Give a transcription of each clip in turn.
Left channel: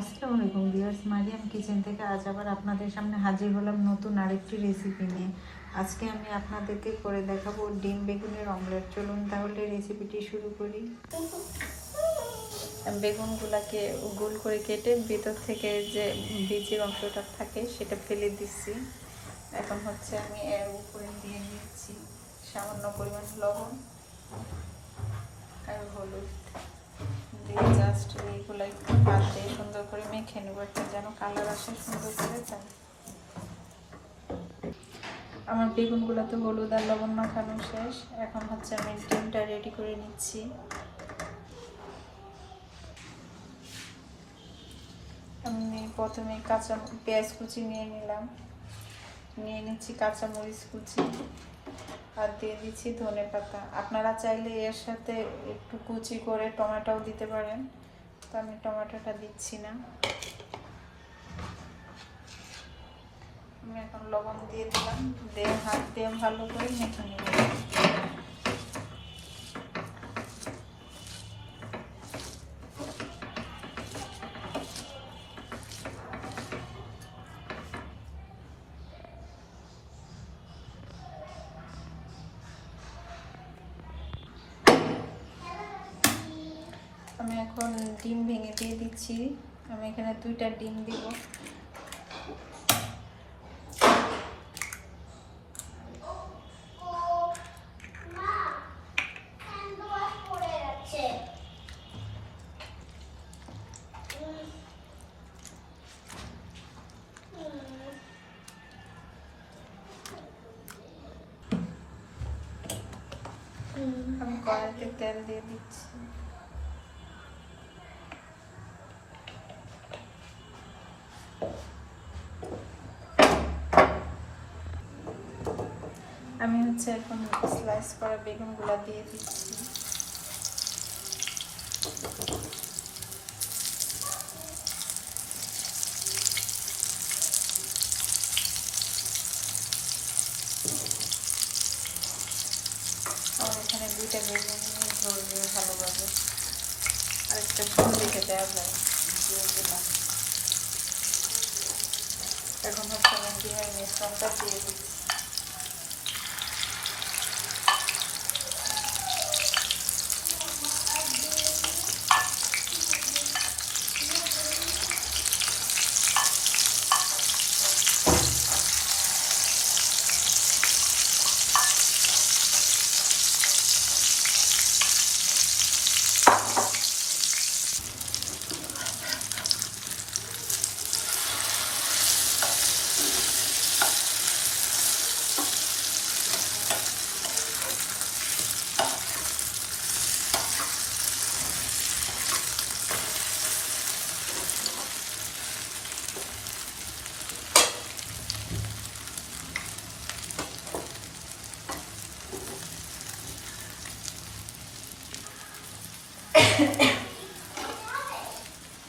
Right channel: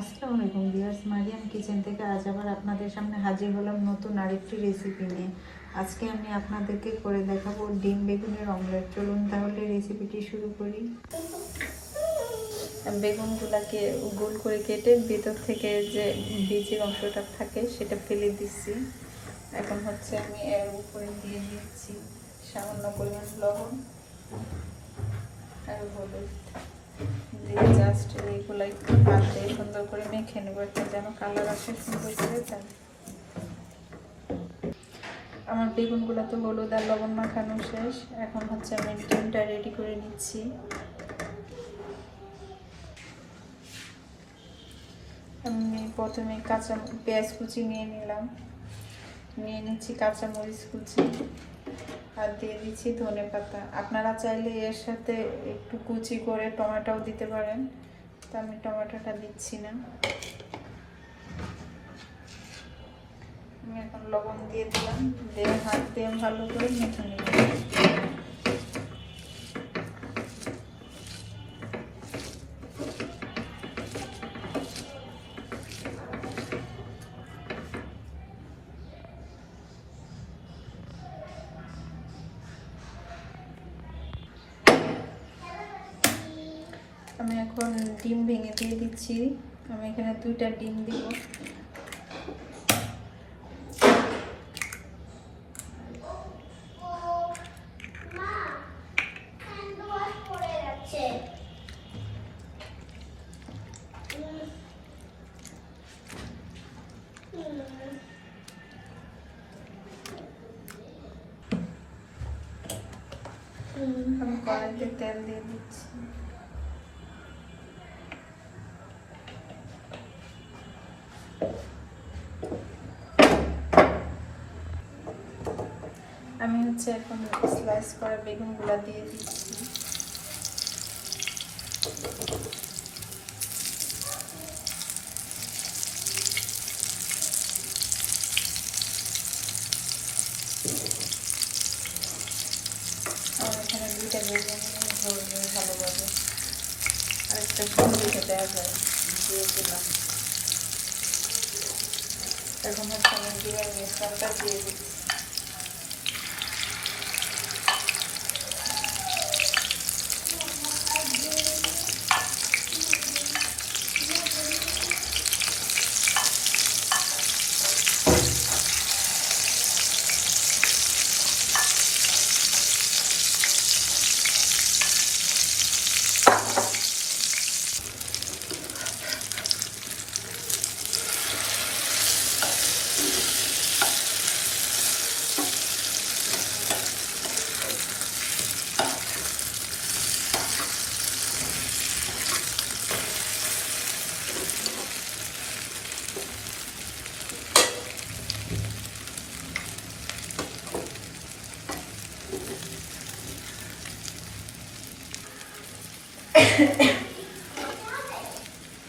আসসালামু আলাইকুম viewers, Mariam kitchen থেকে আজ আবার আপনাদের সামনে হাজির হলাম নতুন আরেকটি রেসিপি নিয়ে। আজকে আমি আপনাদেরকে করে দেখাবো ডিম বেগুনের অমলেট চলুন তাহলে রেসিপিটি শুরু করি। বেগুনগুলোকে গোল করে কেটে ভেতর থেকে যে বীজের অংশটা থাকে সেটা ফেলে দিচ্ছি। এখন হচ্ছে আমি এর উপরে দিয়ে দিচ্ছি সামান্য পরিমাণ লবণ আর হলুদ। দিয়ে জাস্ট এইগুলো একটু করে মেখে যেন কালার আসে, সুন্দর করে তাই আমার বেগুনগুলো তো হলুদ আর লবণ মাখানো শেষ, এখন হচ্ছে আমি ডিমটা রেডি করে নিচ্ছি। আমি প্রথমে কাঁচা পেঁয়াজ কুচি নিয়ে নিলাম। নিয়ে নিচ্ছি কাঁচা মরিচ কুচি আর দিয়ে দিচ্ছি ধনে পাতা আপনারা চাইলে এর সাথে একটু কুচি করে টমেটোও দিতে পারেন। তো আমি টমেটোটা দিচ্ছি না। আমি এখন লবণ দিয়ে দিলাম। দিয়ে হাত দিয়ে ভালো করে মেখে নেব। আমি এখন ডিম ভেঙে দিয়ে দিচ্ছি। আমি এখানে দুইটা ডিম দিব। আমি কড়াইতে তেল দিয়ে দিচ্ছি। আমি হচ্ছে এখন স্লাইস করা বেগুনগুলো দিয়ে দিচ্ছি। এখানে দুইটা বেগুন ধরবে ভালোভাবে। আর একটা দেওয়া যায়, দিয়ে এখন হচ্ছে আমি দিয়ে মিশ্রণটা দিয়ে দিচ্ছি।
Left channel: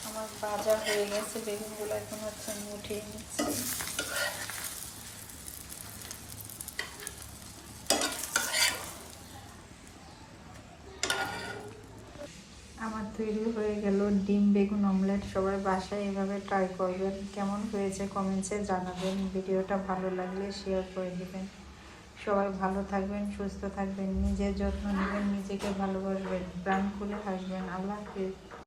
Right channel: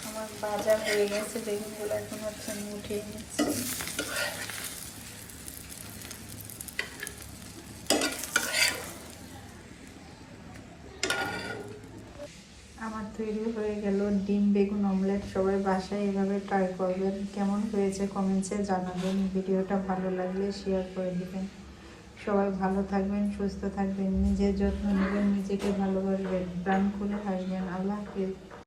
আমার বাজার হয়ে গেছে, বেগুনগুলো এখন হচ্ছে আমি উঠিয়ে নিচ্ছি। আমার তৈরি হয়ে গেল ডিম, বেগুন, অমলেট, সবাই বাসায় এভাবে ট্রাই করবেন। কেমন হয়েছে কমেন্টসে জানাবেন। ভিডিওটা ভালো লাগলে শেয়ার করে দিবেন। সবাই ভালো থাকবেন, সুস্থ থাকবেন, নিজের যত্ন নেবেন, নিজেকে ভালোবাসবেন প্রাণ করে থাকবেন আল্লাহ হাফিজ।